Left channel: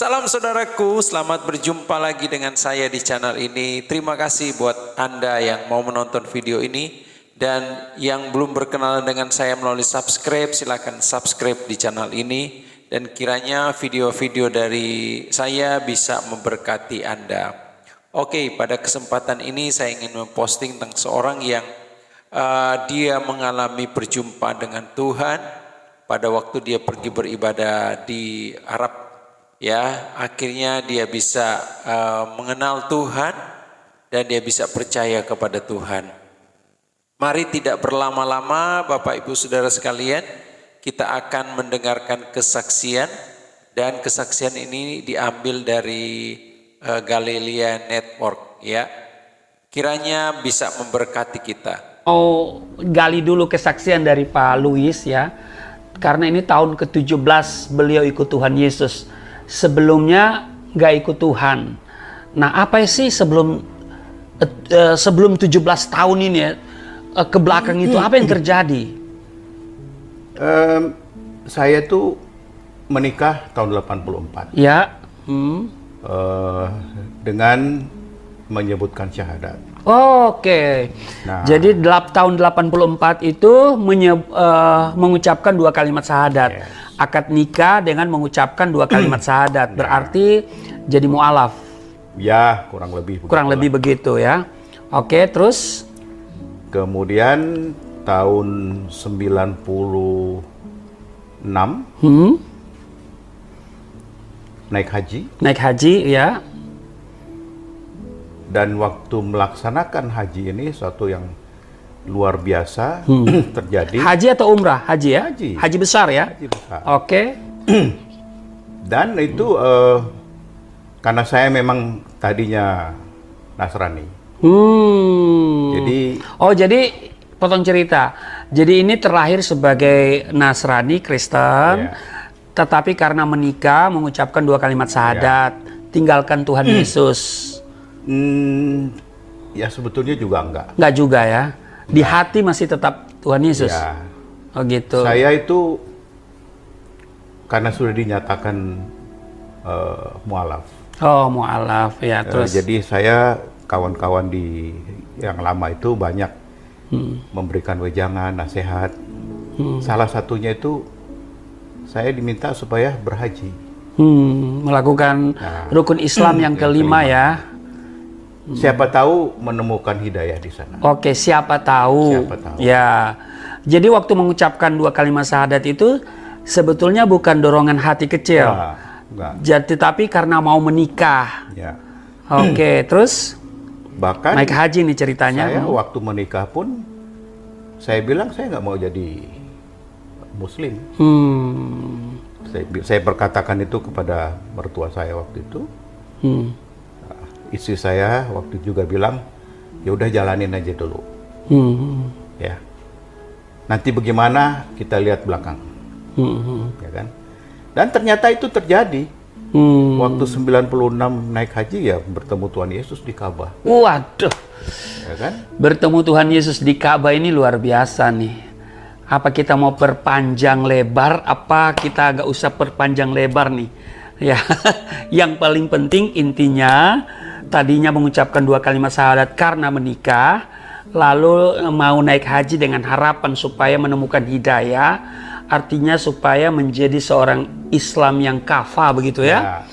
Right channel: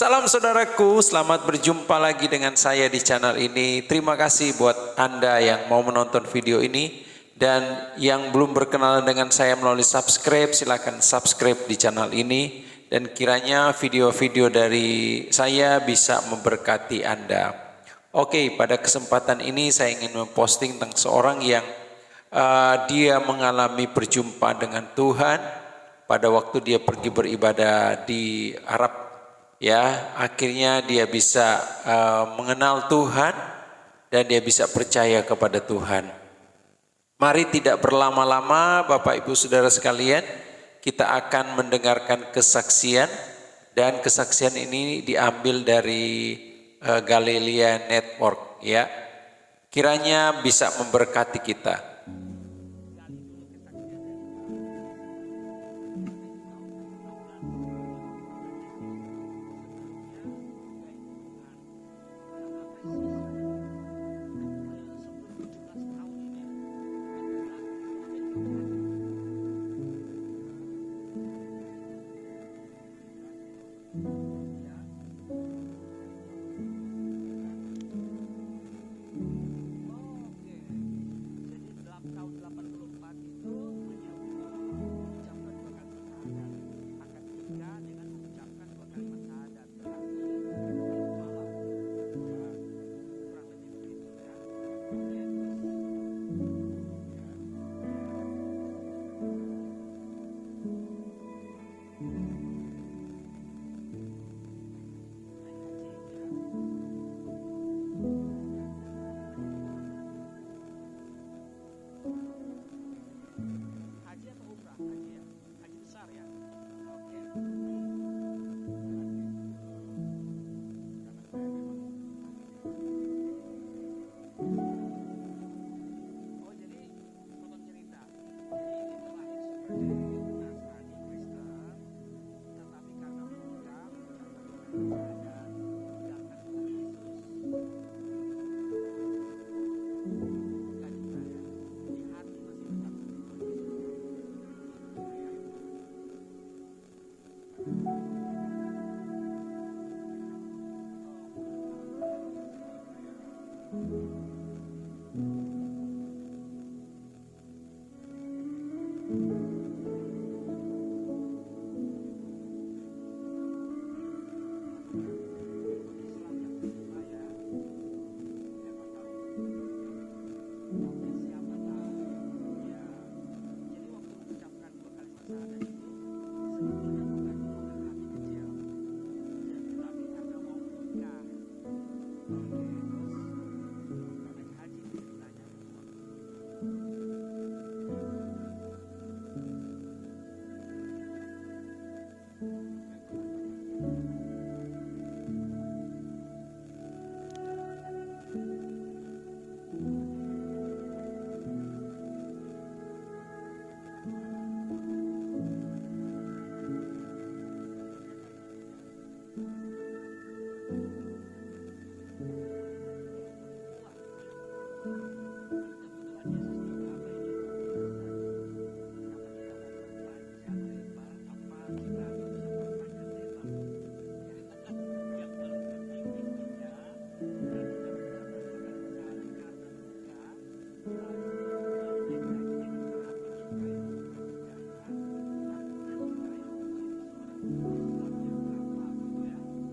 Salam saudaraku, selamat berjumpa lagi dengan saya di channel ini. Terima kasih buat Anda yang mau menonton video ini. Dan yang belum berkenalan dengan saya melalui subscribe, silakan subscribe di channel ini. Dan kiranya video-video dari saya bisa memberkati Anda. Oke, pada kesempatan ini saya ingin memposting tentang seorang yang dia mengalami perjumpaan dengan Tuhan pada waktu dia pergi beribadah di Arab. Ya, akhirnya dia bisa mengenal Tuhan dan dia bisa percaya kepada Tuhan. Mari tidak berlama-lama Bapak Ibu Saudara sekalian, kita akan mendengarkan kesaksian dan kesaksian ini diambil dari Galilea Network ya. Kiranya bisa memberkati kita. Mau gali dulu kesaksian dari Pak Louis ya. Karena ini tahun ke-17 beliau ikut Tuhan Yesus. Sebelumnya nggak ikut Tuhan. Nah, apa sih sebelum 17 tahun ini ya, ke belakang itu apa yang terjadi? Saya tuh menikah tahun 84. Ya. Dengan menyebutkan syahadat. Oke. Nah. Jadi tahun 84 itu mengucapkan 2 kalimat syahadat. Yes. Akad nikah dengan mengucapkan 2 kalimat syahadat. Berarti jadi mu'alaf. Ya, kurang lebih. Kurang lebih begitu ya. Oke, terus? Kemudian tahun 96 naik haji. Naik haji ya. Dan waktu melaksanakan haji ini suatu yang luar biasa terjadi. Haji atau umrah? Haji ya? Haji. Haji besar ya? Haji besar. Oke. Dan itu karena saya memang tadinya Nasrani. Jadi potong cerita. Jadi ini terlahir sebagai Nasrani, Kristen, tetapi karena menikah mengucapkan 2 kalimat syahadat, tinggalkan Tuhan Yesus. Ya sebetulnya juga enggak. Enggak juga ya. Di hati masih tetap Tuhan Yesus. Ya. Oh gitu. Saya itu karena sudah dinyatakan mualaf. Oh, mualaf ya. Terus Jadi saya kawan-kawan di yang lama itu banyak memberikan wejangan, nasihat. Salah satunya itu saya diminta supaya berhaji. Melakukan rukun Islam yang kelima ya. Siapa tahu menemukan hidayah di sana. Oke, siapa tahu. Siapa tahu. Ya. Jadi waktu mengucapkan 2 kalimat syahadat itu sebetulnya bukan dorongan hati kecil. Enggak. Jadi tapi karena mau menikah. Ya. Oke, terus Bahkan naik haji nih ceritanya. saya waktu menikah pun saya bilang saya nggak mau jadi Muslim. Saya berkatakan itu kepada mertua saya waktu itu. Istri saya waktu itu juga bilang, ya udah jalanin aja dulu. Ya. Nanti bagaimana kita lihat belakang. Ya kan? Dan ternyata itu terjadi. Waktu 96 naik haji ya bertemu Tuhan Yesus di Ka'bah. Waduh. Ya kan? Bertemu Tuhan Yesus di Ka'bah ini luar biasa nih. Apa kita mau perpanjang lebar, apa kita agak usah perpanjang lebar nih. Ya, yang paling penting intinya tadinya mengucapkan 2 kalimat syahadat karena menikah, lalu mau naik haji dengan harapan supaya menemukan hidayah, artinya supaya menjadi seorang Islam yang kafah begitu ya.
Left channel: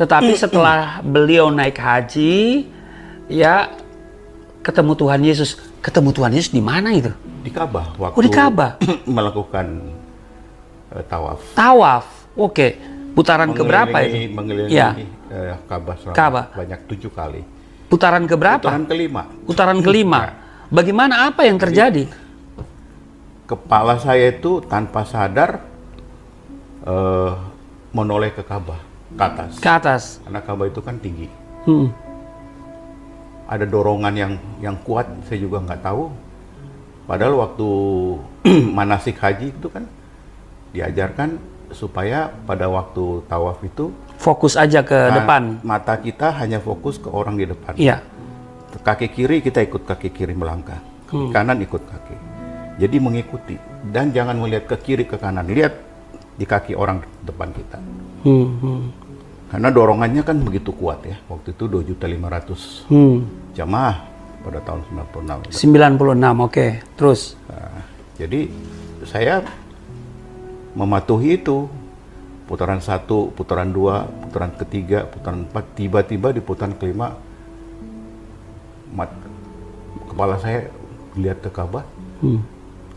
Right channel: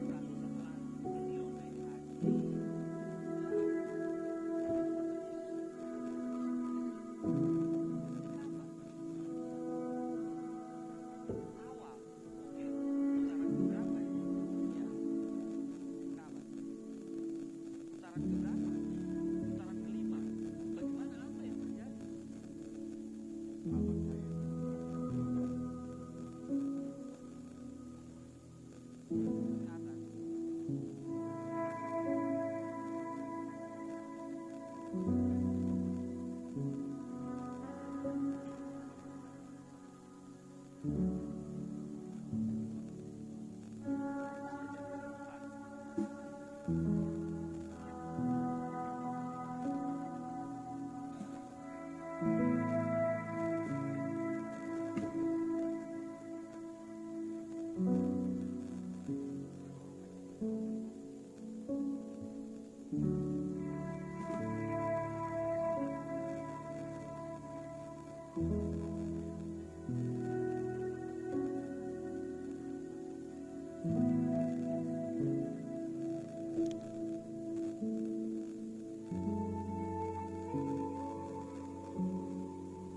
Tetapi setelah beliau naik haji, ya ketemu Tuhan Yesus. Ketemu Tuhan Yesus di mana itu? Di Ka'bah. Waktu di Ka'bah. melakukan tawaf. Tawaf, oke. Putaran keberapa itu? Mengelilingi Ka'bah Ka'bah. banyak 7 kali. Putaran keberapa? Putaran kelima. Putaran kelima. Bagaimana, apa yang terjadi? Kepala saya itu tanpa sadar menoleh ke Ka'bah, ke atas. Ke atas. Karena Ka'bah itu kan tinggi. Ada dorongan yang kuat, saya juga nggak tahu. Padahal waktu manasik haji itu kan diajarkan supaya pada waktu tawaf itu Fokus aja ke depan. Mata kita hanya fokus ke orang di depan. Iya. Kaki kiri kita ikut kaki kiri melangkah, kaki kanan ikut kaki. Jadi mengikuti dan jangan melihat ke kiri ke kanan, lihat di kaki orang depan kita. Karena dorongannya kan begitu kuat ya. Waktu itu 2.500.000 jamaah pada tahun 96. 96, oke. Terus? Nah, jadi saya mematuhi itu. Putaran 1, putaran 2, putaran ketiga, putaran 4, tiba-tiba di putaran kelima kepala saya lihat ke Ka'bah.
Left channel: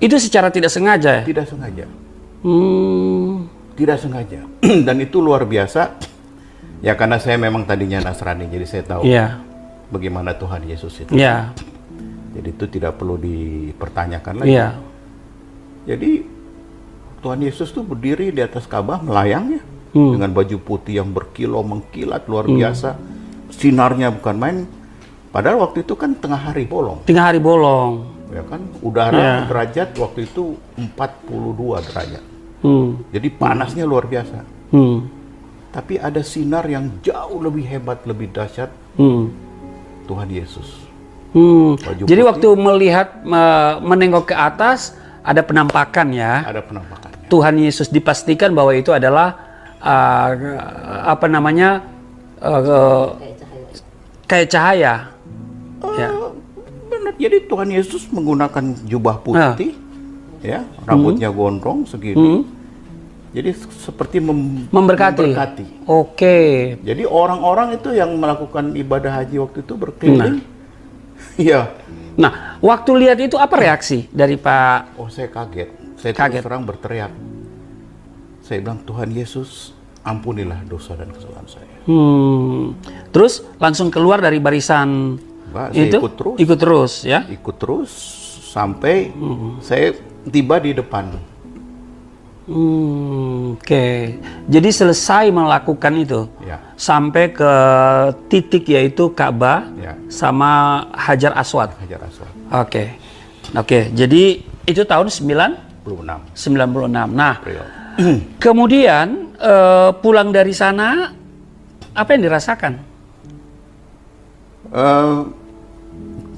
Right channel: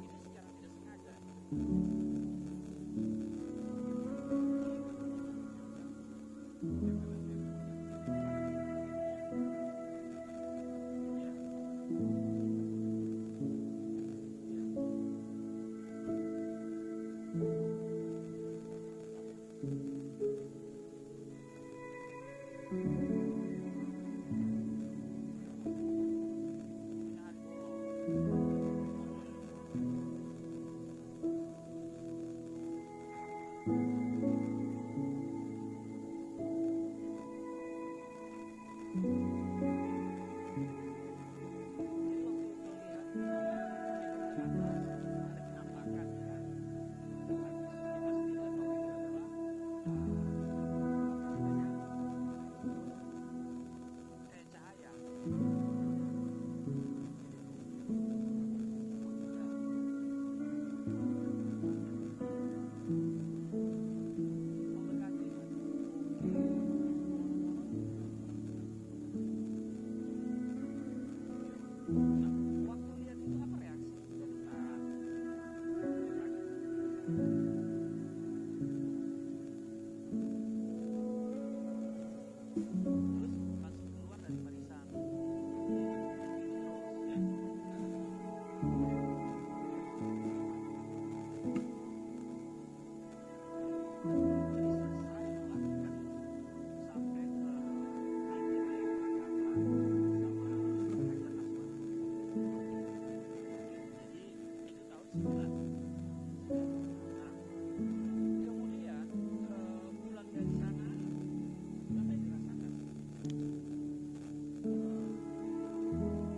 Itu secara tidak sengaja ya? Tidak sengaja. Tidak sengaja. Dan itu luar biasa. Ya karena saya memang tadinya Nasrani, jadi saya tahu bagaimana Tuhan Yesus itu. Jadi itu tidak perlu dipertanyakan lagi. Jadi Tuhan Yesus tuh berdiri di atas Ka'bah melayang ya, dengan baju putih yang berkilau mengkilat luar biasa. Sinarnya bukan main. Padahal waktu itu kan tengah hari bolong. Tengah hari bolong. Ya kan, udara derajat waktu itu 42 derajat. Jadi panasnya luar biasa. Tapi ada sinar yang jauh lebih hebat, lebih dahsyat. Tuhan Yesus. Jadi waktu melihat, menengok ke atas, ada penampakan ya. Ada penampakannya. Tuhan Yesus dipastikan bahwa itu adalah apa namanya, kayak cahaya. Benar. Jadi Tuhan Yesus menggunakan jubah putih, ya, rambutnya gondrong segini. Jadi seperti memberkati. Oke. Jadi orang-orang itu yang melakukan ibadah haji waktu itu berkeliling. Iya. Nah, waktu lihat itu apa reaksi dari Pak? Oh, saya kaget. Saya terus terang berteriak. Saya bilang, Tuhan Yesus, ampunilah dosa dan kesalahan saya. Terus langsung keluar dari barisan itu? Ikut terus ya? Ikut terus sampai saya tiba di depan. Oke. Jadi selesai melakukan itu, sampai ke titik yaitu Ka'bah sama Hajar Aswad. Hajar Aswad. Oke. Jadi itu tahun 96. Nah, kemudian pulang dari sana, apa yang dirasakan?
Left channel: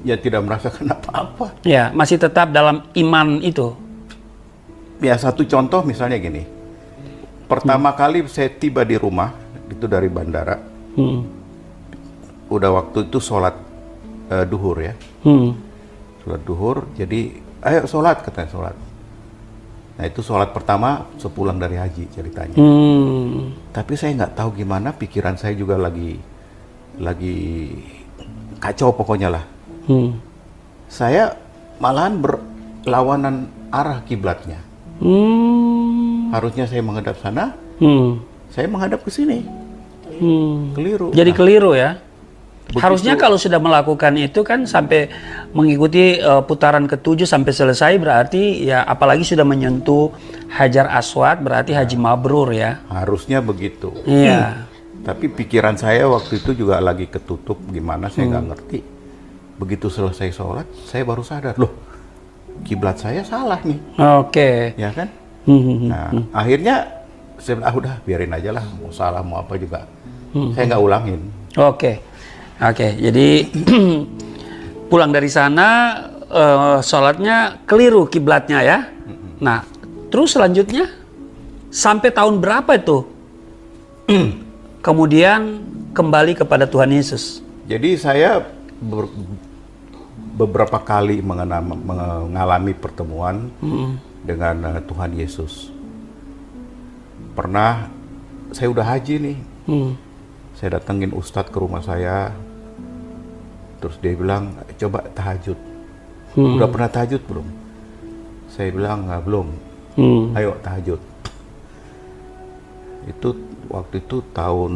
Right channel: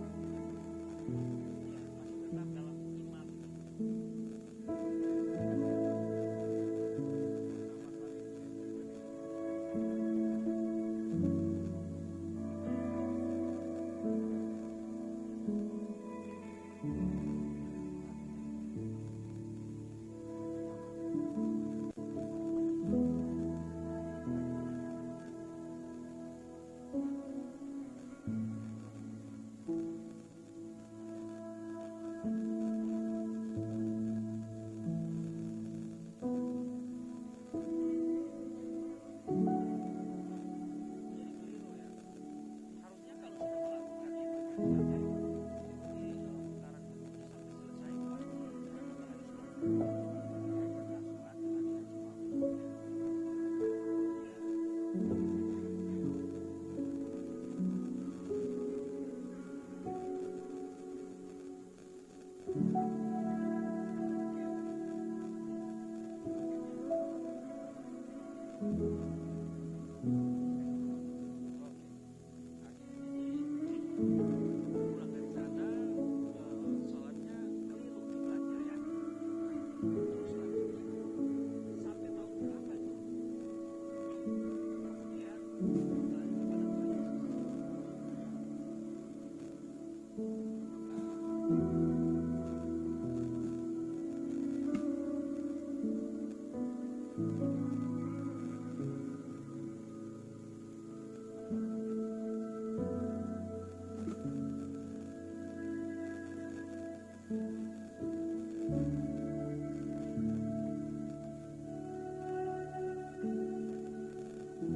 Ya tidak merasakan apa-apa. Ya, masih tetap dalam iman itu. Ya, satu contoh misalnya gini. Pertama kali saya tiba di rumah, itu dari bandara. Udah waktu itu sholat duhur ya. Sholat duhur, jadi ayo sholat, katanya sholat. Nah itu sholat pertama sepulang dari haji ceritanya. Tapi saya nggak tahu gimana, pikiran saya juga lagi kacau pokoknya lah. Saya malahan berlawanan arah kiblatnya. Harusnya saya menghadap sana, saya menghadap ke sini. Keliru. Jadi keliru ya. Harusnya kalau sudah melakukan itu kan sampai mengikuti putaran ke-7 sampai selesai, berarti ya apalagi sudah menyentuh Hajar Aswad, berarti haji mabrur ya. Harusnya begitu. Iya. Tapi pikiran saya waktu itu juga lagi ketutup gimana, saya nggak ngerti. Begitu selesai sholat, saya baru sadar, loh kiblat saya salah nih. Oke. Ya kan? Nah, akhirnya saya bilang, udah biarin aja lah, mau salah mau apa juga. Saya nggak ulangin. Oke, jadi pulang dari sana, sholatnya keliru kiblatnya ya. Nah, terus selanjutnya sampai tahun berapa itu? Kemudian kembali kepada Tuhan Yesus. Jadi saya beberapa kali mengalami pertemuan dengan Tuhan Yesus. Pernah saya udah haji nih, saya datengin Ustadz ke rumah saya, terus dia bilang coba tahajud. Udah pernah tahajud belum? Saya bilang nggak, belum. Ayo tahajud. Itu waktu itu tahun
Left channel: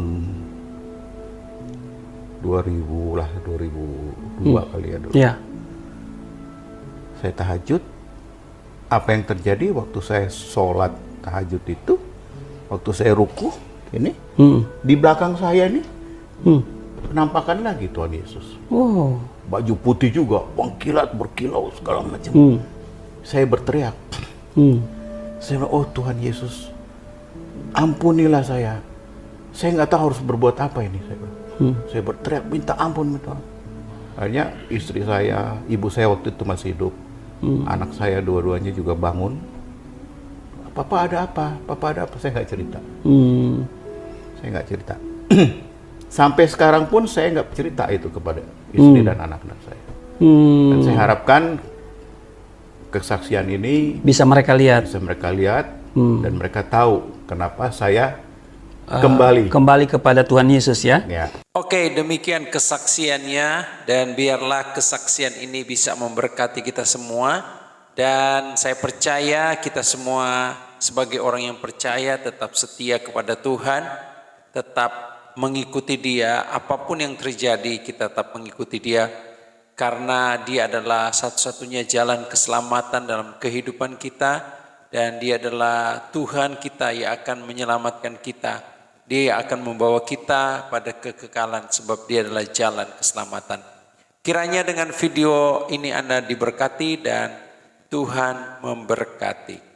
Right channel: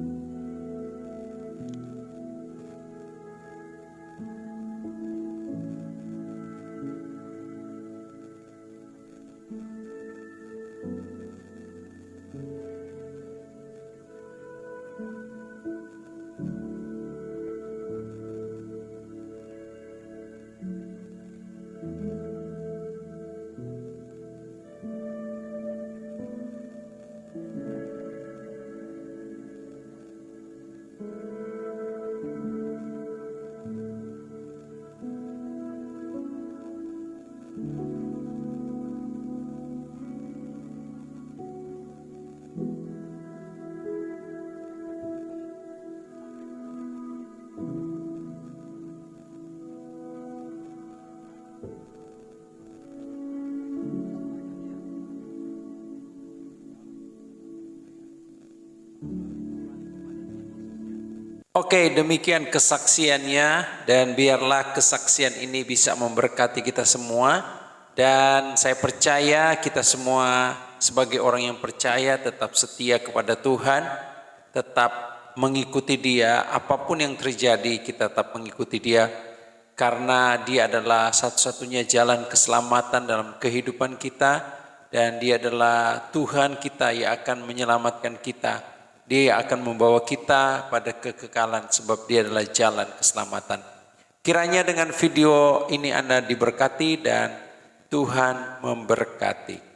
2000 lah, 2002 kali ya dulu. Ya. Saya tahajud. Apa yang terjadi waktu saya sholat tahajud itu, waktu saya ruku ini, di belakang saya ini penampakan lagi Tuhan Yesus. Baju putih juga, mengkilat, berkilau segala macam. Saya berteriak. Saya bilang, oh Tuhan Yesus, ampunilah saya. Saya nggak tahu harus berbuat apa ini. Saya berteriak minta ampun Tuhan. Akhirnya istri saya, ibu saya waktu itu masih hidup. Anak saya dua-duanya juga bangun. Papa ada apa? Papa ada apa? Saya nggak cerita. Saya nggak cerita. sampai sekarang pun saya nggak cerita itu kepada istri dan anak-anak saya. Dan saya harapkan kesaksian ini Bisa mereka lihat. bisa mereka lihat dan mereka tahu kenapa saya kembali kepada Tuhan Yesus ya. ya. Oke, demikian kesaksiannya dan biarlah kesaksian ini bisa memberkati kita semua. Dan saya percaya kita semua sebagai orang yang percaya tetap setia kepada Tuhan, tetap mengikuti Dia, apapun yang terjadi kita tetap mengikuti Dia, karena Dia adalah satu-satunya jalan keselamatan dalam kehidupan kita, dan Dia adalah Tuhan kita yang akan menyelamatkan kita. Dia akan membawa kita pada kekekalan sebab Dia adalah jalan keselamatan. Kiranya dengan video ini Anda diberkati dan Tuhan memberkati.